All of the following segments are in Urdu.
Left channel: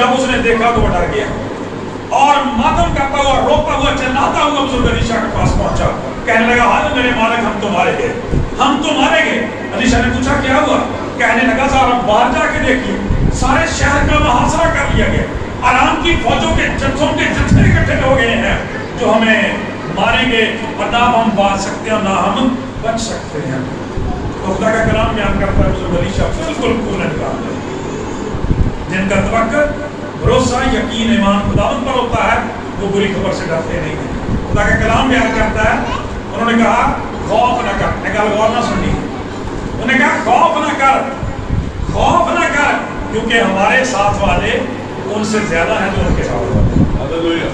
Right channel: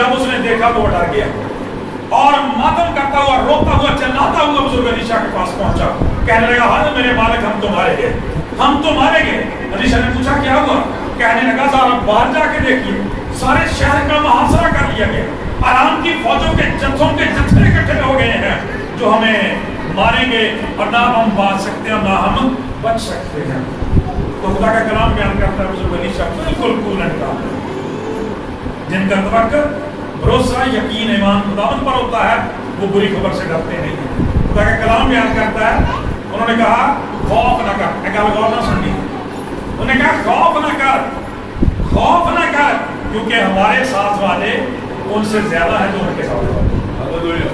جب اس نے دیکھا تو وہ ڈر گیا اور ماتم کرتا ہوا روتا ہوا چلاتا ہوا بزرگ علیشا کے پاس پہنچا، کہنے لگا ہاں میرے مالک ہم تو مارے گئے، ہم تو مارے گئے۔ علیشا نے پوچھا کیا ہوا؟ کہنے لگا ذرا باہر جا کے دیکھیے، سارے شہر کا محاصرہ کر لیا گیا، آرام کی فوجوں کے جتھوں کے جتھے اکٹھے ہو گئے ہیں جو ہمیں ماریں گے اور نہ ہم بچ سکتے ہیں نہ ہم بچ سکتے ہیں۔ تو خدا کا کلام بیان کرتا ہے بزرگ علیشا بالکل کولن کا، جن کا توکل بھروسہ یقین ایمان خداوند پر ہوتا ہے وہ بری خبر سے ڈرتے نہیں ہیں۔ خدا کا کلام بیان کرتا ہے، انہوں نے کہا خوف نہ کر، ایک غور نہ سنی، انہوں نے کہا خوف نہ کر، خوف نہ کر، کیونکہ ہمارے ساتھ والے ان سے زیادہ ہیں جو ان کے ساتھ والے۔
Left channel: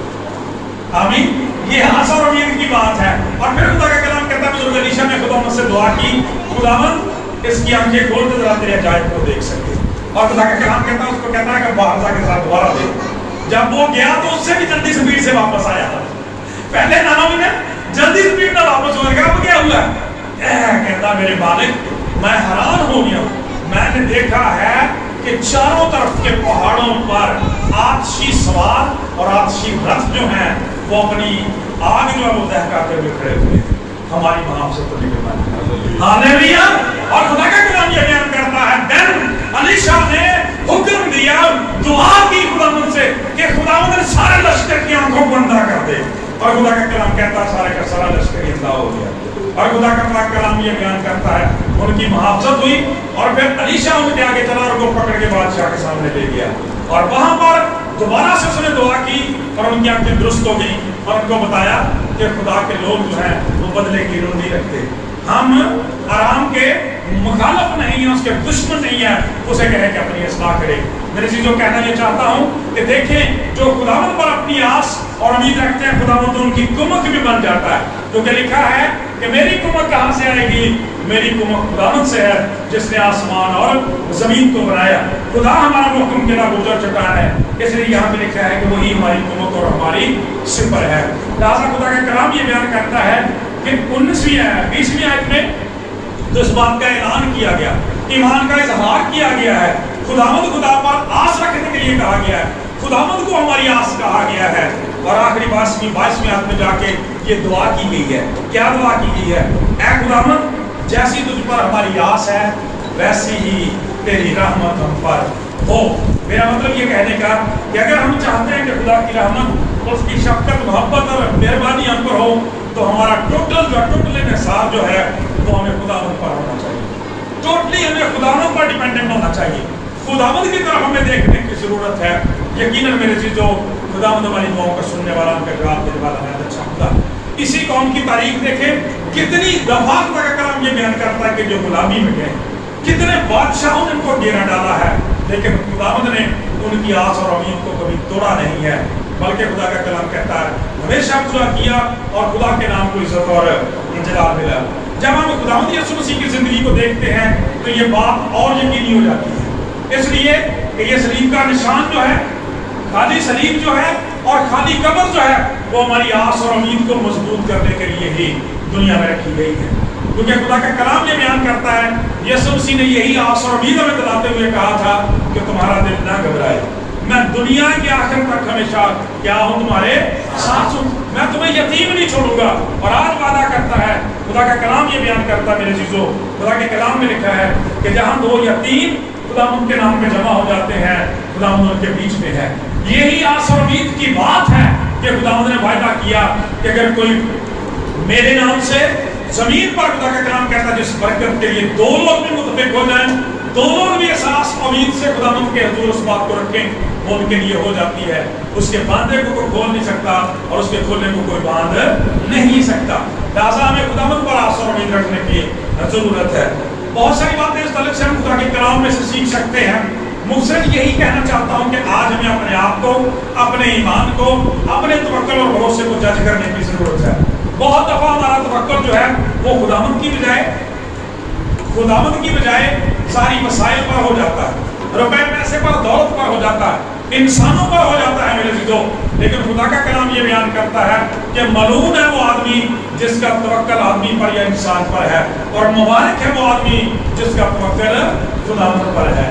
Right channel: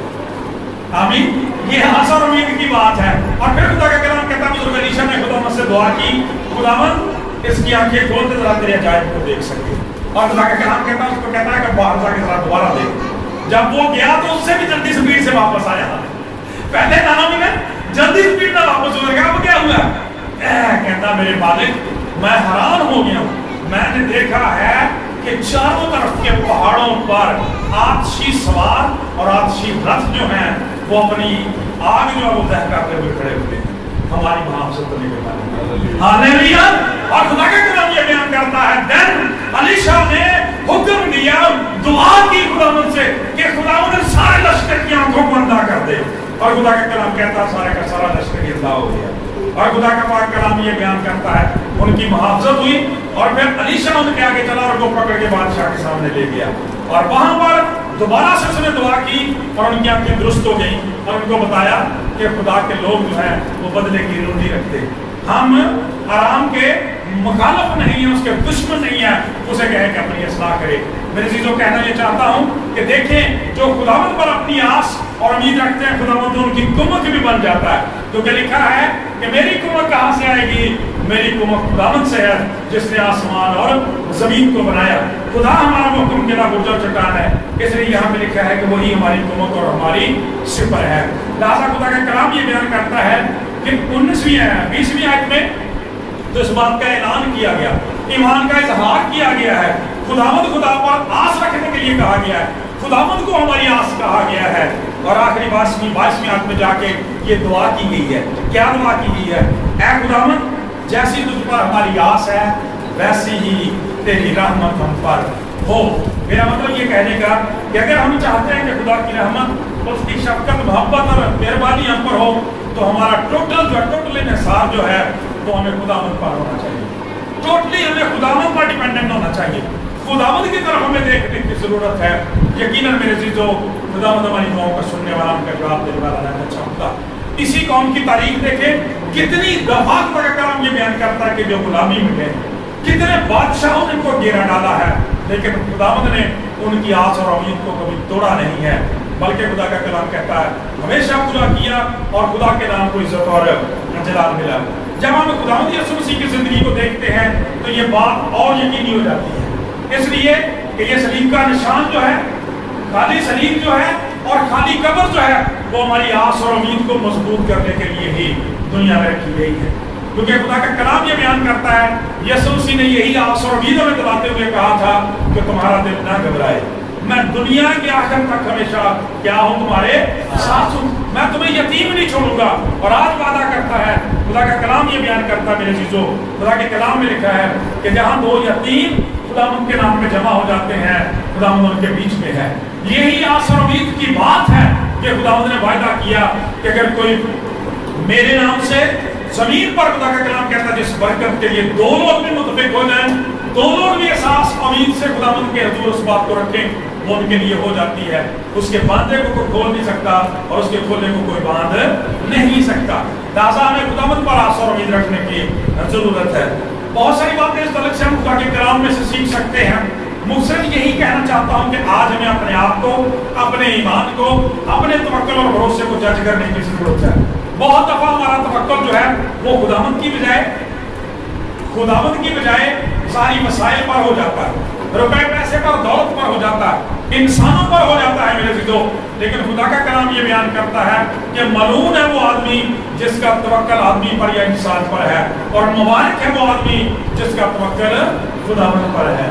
آمین۔ یہ آسا اور امید کی بات ہے۔ اور پھر خدا کا کلام کہتا ہے بزرگ علیشا نے خداوند سے دعا کی، خداوند اس کی آنکھیں کھول دے ذرا تیرے عجائب کو دیکھ سکے۔ اور خدا کا کلام کہتا ہے اس کو کہتا ہے کہ باہر جا کے ذرا دوبارہ دیکھ۔ جب وہ گیا تو اس سے بھی جلدی سپیڈ سے واپس آیا، پہلے نام نے جلدی سپیڈ میں واپس ہو گیا۔ اب کیا ہوا؟ کہتا میرے مالک میں حیران ہو گیا ہوں، میں نے دیکھا ہے کہ چاروں طرف کے پہاڑوں پر آتشی سوار اور آتشی رتھ جو ہیں وہ اپنی آگ جو وہ دہکاتے ہوئے کھڑے ہوئے ہیں، ہماری محافظت کرنے کے بعد۔ ہاللیلویا۔ اور خدا کا کلام یہ بیان کرتا ہے دن علیشا نے حکم دیا، دعا کی خداوند سے کہ خداوند سارے لشکر کی آنکھوں کو اندھا کر دے، اور خدا کا کلام کہتا ہے سارے کا سارا لشکر اندھا ہو گیا۔ اور خدا کا پاک کلام یہ بیان کرتا ہے ان کی محافظت ہوئی، اور پھر علیشا ان کے آگے چلا اور ان کو پکڑ کے بادشاہ کے سامنے لے گیا، اور وہاں پر دوبارہ سے اس نے دعا کی اور ان کی آنکھیں درست ہو گئی، اور ان کو بتایا کہ خدا کے لوگ جو ہیں وہ بدلے کی روح نہیں رکھتے، ہم آرام کے مخالف نہیں ہیں، اس کے دشمن نہیں ہیں، اسے کہے کہ اپنی اصلاح کرے۔ میرے چیزوں کہنا یہ چاہتا ہوں کہ دیکھیں جو خداوند پر اپنی آس اور امید رکھتے ہیں خداوند ان کی کمک بھی بن جاتا ہے، کیونکہ لکھا ہے کہ میری کمک کہاں سے آئے گی؟ میری کمک خداوند سے ہے جس نے آسمان اور زمین کو بنایا۔ خدا ہمارا محکم کردہ برج چٹان ہے، اس لیے یہاں پہ لکھا ہے کہ وہی ہماری کمک اور ہماری سپر ہے۔ لہٰذا خدا کا کلام یہ بیان کرتا ہے کہ 20ویں آیت میں تو اس بات کا اعلان کیا گیا، ایمان کا اظہار کیا گیا ہے، خداوند خدا پر آس رکھنے کے لیے کہا گیا ہے، خداوند کو ہماری آس کہا گیا ہے۔ اور آخری 22ویں آیت میں جا کے یہ دعا کی گئی ہے، کیا دعا کی گئی ہے؟ اے خداوند جیسی تجھ پر ہماری آس ہے ویسی ہی تیری رحمت ہم پر ہو۔ میرا مطلب یہ کہنے کا کہ اگر ہم چاہتے ہیں کہ خدا کی رحمت، اس کی شفقت، محبت اور مہربانی ہم پر ہو، تو ہمارا ٹوٹل انحصار جو ہے وہ ہمیں خداوند پر ہونا چاہیے، ٹوٹلی ہمیں خداوند پر ڈیپینڈنٹ ہونا چاہیے، خداوند کی طرف ہمیں دیکھنے کی ضرورت ہے۔ یقیناً میرے چیزوں خداوند ہماری دعاؤں کا سننے والا، ان کا جواب دینے والا ہے، اچھا خدا۔ اسی قوم کی تاریخ دیکھیں، کتنی دفعہ خدا کا کلام یہ بیان کرتا ہے کہ جو غلامی میں گئے، کتنے بادشاہوں نے ان کو گھیرا ڈالا ہے، لیکن خداوند نے ان کی آس اور امید کو کبھی توڑا نہیں ہے، بلکہ خدا کا کلام کہتا ہے ہمیشہ پورا کیا، اور خدا کے نام کو عزت اور جلال ملا۔ جب ہم خداوند یسوع مسیح کی زندگی کو دیکھتے ہیں تو یہ بات اور یقینی ہو جاتی ہے، اس لیے کہ یہ صلیب کا نشان جو ہے، خالی صلیب جو ہے اور خالی قبر جو ہے، وہ ہماری آس اور امید کو مضبوط کرنے کے لیے ہی دنیا میں رکھی گئی ہے، کیونکہ خدا کا کلام یہ بیان کرتا ہے یسوع مسیح نے یہی آس اور امید ہمیں دلاتے ہوئے کہا تھا کہ تمہارا دل نہ گھبرائے، میں دنیا کے آخر تک ہمیشہ کیا ہوں، تمہارے ساتھ ہوں، میں تمہیں یتیم نہیں چھوڑوں گا۔ اور آج وعدہ کرتا ہے خدا کا کلام یہ بیان کرتا ہے میرے عزیزو، خدا کے کلام میں لکھا ہے کہ جہاں دو یتیم خداوند کے نام پہ جمع ہو جاتے ہیں، خداوند ان کے بیچ میں ہے۔ یہی آس اور امید کی بات ہے کہ خداوند نے وعدہ کیا کہ اگر کوئی میرے نام سے زمین پر، خدا کا کلام کہتا ہے جس برکت کے لیے دو لوگ بھی متفق ہو جائیں، دو لوگ بھی احساس امید سے خداوند کے حضور اس بات کو رکھیں، وہ ان کے لیے ہو جاتی ہے۔ اس کے باندھے کو کوئی کھول نہیں سکتا اور اس کے کھولنے کو کوئی باندھ نہیں سکتا۔ لہٰذا ہمیں خداوند پر آس اور امید رکھنے کی ضرورت ہے۔ بہت ساری باتیں اس تعلق سے ہم خدا کے کلام میں سے سیکھ سکتے ہیں۔ مقصد یہی کہنا چاہتا ہوں کہ آج ہمیں اپنے آپ کو، اپنے ایمان کو، اپنے توکل اور بھروسے کو جج کرنے کی ضرورت ہے۔ بہت دفعہ ہمارا توکل جو ہے وہ خداوند کی بجائے ساری مسائل پر ہو جاتا ہے، روپے پیسے پر، دولت پر ہو جاتا ہے، انسانوں پر ہو جاتا ہے میرے عزیزو۔ لیکن خدا کا کلام یہ بیان کرتا ہے کہ ملعون ہے وہ آدمی جس کا توکل آدمی پر یا انسان پر ہے، اور مبارک ہے وہ آدمی جس کا توکل خداوند پر ہے۔